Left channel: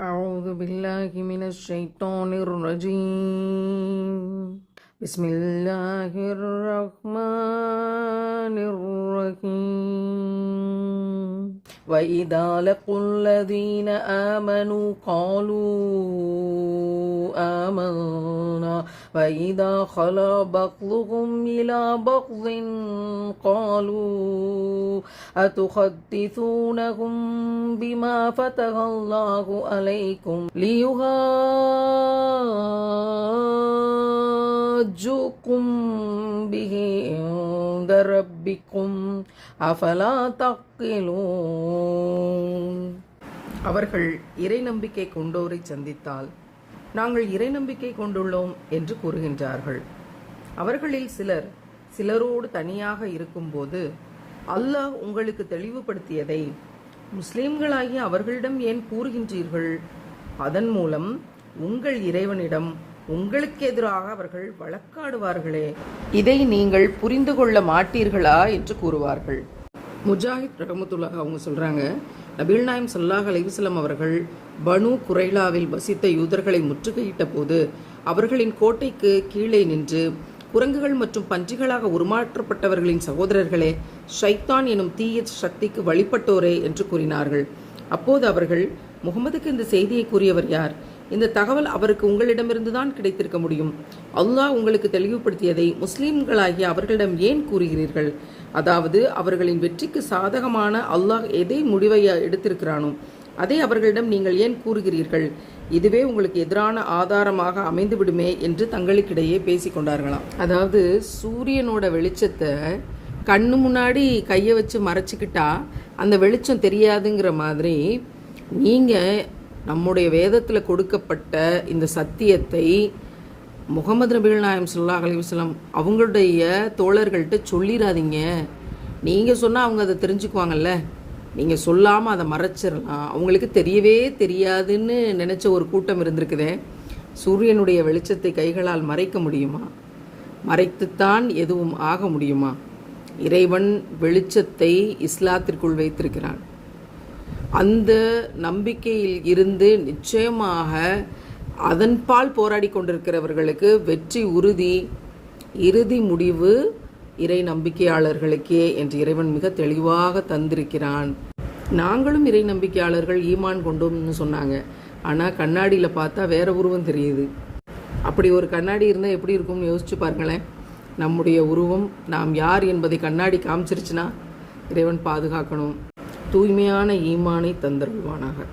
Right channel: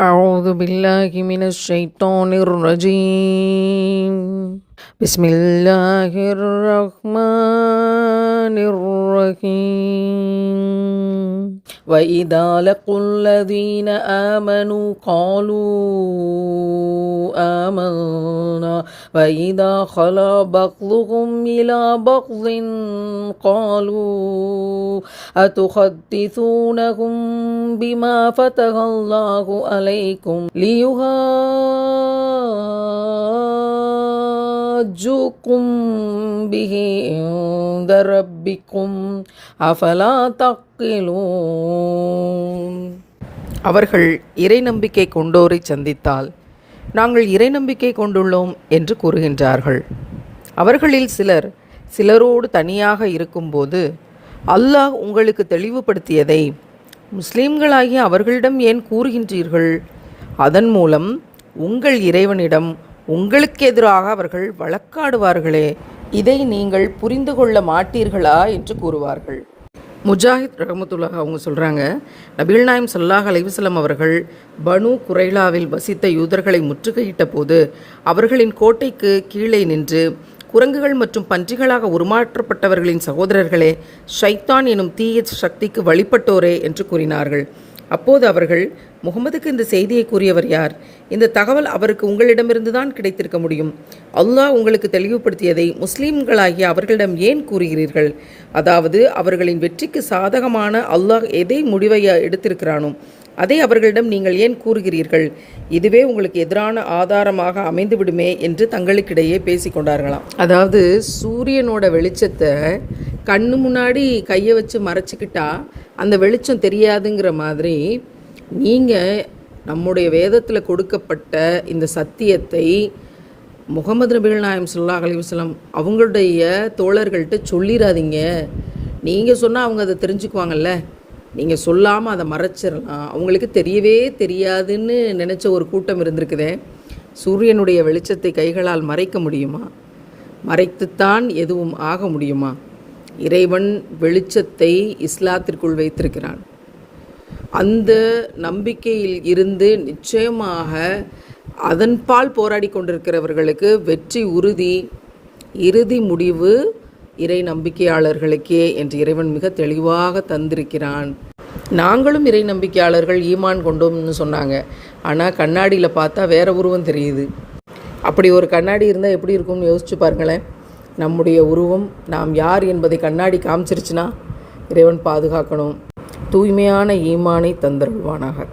أعوذ بالله من الشيطان الرجيم بسم الله الرحمن الرحيم وإذا لقوا الذين آمنوا قالوا آمنا وإذا خلا بعضهم إلى بعض قالوا أتحدثونهم بما فتح الله عليكم ليحاجوكم به عند ربكم أفلا تعقلون. அவர்கள் இறை நம்பிக்கை கொண்டோரை சந்தித்தால் நாங்கள் இறை நம்பிக்கை கொண்டுள்ளோம் என்று கூறுகின்றார்கள். அவர்களில் சிலரோடு தனியாக இருக்கும்போது அல்லாஹ் உங்களுக்கு தெளிவுபடுத்தியதை முஸ்லீம்களாகிய அவர்களிடம் ஏன் கூறுகின்றீர்கள்? அதன் மூலம் உங்கள் இறைவனிடம் உங்களுக்கு எதிராக அவர்கள் வழக்காடுவார்களே, இதை நீங்கள் புரிந்து கொள்ள மாட்டீர்களா என்று கூறுவார்கள். முஜாஹித் ரஹமத்துல்லாஹ் அவங்க சொல்கிறாங்க, நபிகள் நாயம் ஸல்லல்லாஹு அலைஹி வஸல்லம் அவர்கள் பனு குரைலாவில் வசித்த யூதர்களை முற்றுகையிட்ட போது அவர்களின் கோட்டைக்கு கீழே நின்று குரங்குகள் மற்றும் பன்றிகளாக உருமாற்றப்பட்டவர்களின் சகோதரர்களே, ஷைத்தான் எனும் தீய சக்திக்கு வழிபட்டோரே என்று கூறினார்கள். அப்போது அவர்கள், முகமதுக்கு இந்த செய்தியை கூறியவர் யார்? இந்த தகவல் அவருக்கு உங்களிடமிருந்து தான் கிடைத்திருக்க முடியும். அல்லாஹ் உங்களுக்கு தெளிவுபடுத்தியதை முஸ்லீம்களாகிய அவர்களிடம் ஏன் கூறுகிறீர்கள்? அதாவது அவர்களின் வெற்றிக்கு சாதகமான அல்லாஹ் எதை முடிவை எடுத்திருக்கிறானோ அதை அவர்களிடம் நீங்கள் ஏன் கூறுகிறீர்கள்? இதுவே உங்களுக்கு எதிரான ஆதாரமாக அமைந்துவிடுமே என்று தங்களுக்கிடையே பேசிக்கொண்டார்களாம். அதாவது சூரியனோட வெளிச்சத்தை கண்ணு முன்னாடி கையை வச்சு மறைச்சிக்கிட்டா அந்த வெளிச்சம் தெரியாதுங்கிற மாதிரி நீங்கள் நம்முடைய வேதத்தில் கொடுக்கப்பட்ட இந்த சத்தியத்தை முகமது நபிகள் நாயம் ஸல்லல்லாஹு அலைஹி வஸல்லம் அவங்களுடைய தோழர்கள்ட்ட சொல்லிடாதீங்க. நீங்கள் சொன்னால் அவங்க அதை தெரிஞ்சுக்குவாங்கல்ல, நீங்கள் சொல்லாமல் அதை மறைச்சிடலாம். அவங்களுக்கு தெரியவே தெரியாதுன்னு நினச்ச ஒரு கூட்டம் இருந்திருக்குதே. சூரியனுடைய வெளிச்சத்தை கைகளால் மறைக்க முடியுமா? மறைத்துத்தான் எதுவும் ஆக முடியுமா? இறைவன் வெளிச்சத்தை இஸ்லாத்திற்குள் வைத்திருக்கிறான். அந்த நம்பிக்கையில் இருந்து நிச்சயமாக அதன்பால் போராடி கொண்டிருக்கிறவர்களுக்கு வெற்றி உறுதி. இறுதி முடிவு இறை நம்பிக்கையாளர்களுக்கே என்று இறைவன் மிக தெளிவாக தந்திருக்கிறான். நாங்களும் இறை நம்பிக்கையாளர்கள் ஈமான் கொண்டோம்னு சொன்னாங்க. ஆனால் கண்ணாடியில் பார்த்தா வேற உருவம் தெரியுது. அப்படி ஒரு கண்ணாடி இருந்தால் எப்படி இருக்கும்னு யோசிச்சு பாருங்களேன். நம்முடைய உருவம் நாம் யார் என்பதை கண்ணாடி காமிச்சிருச்சுன்னா இறைவன் பாதுகாக்கணும். தூய்மையான ஈமானை தந்தருள்வானாக.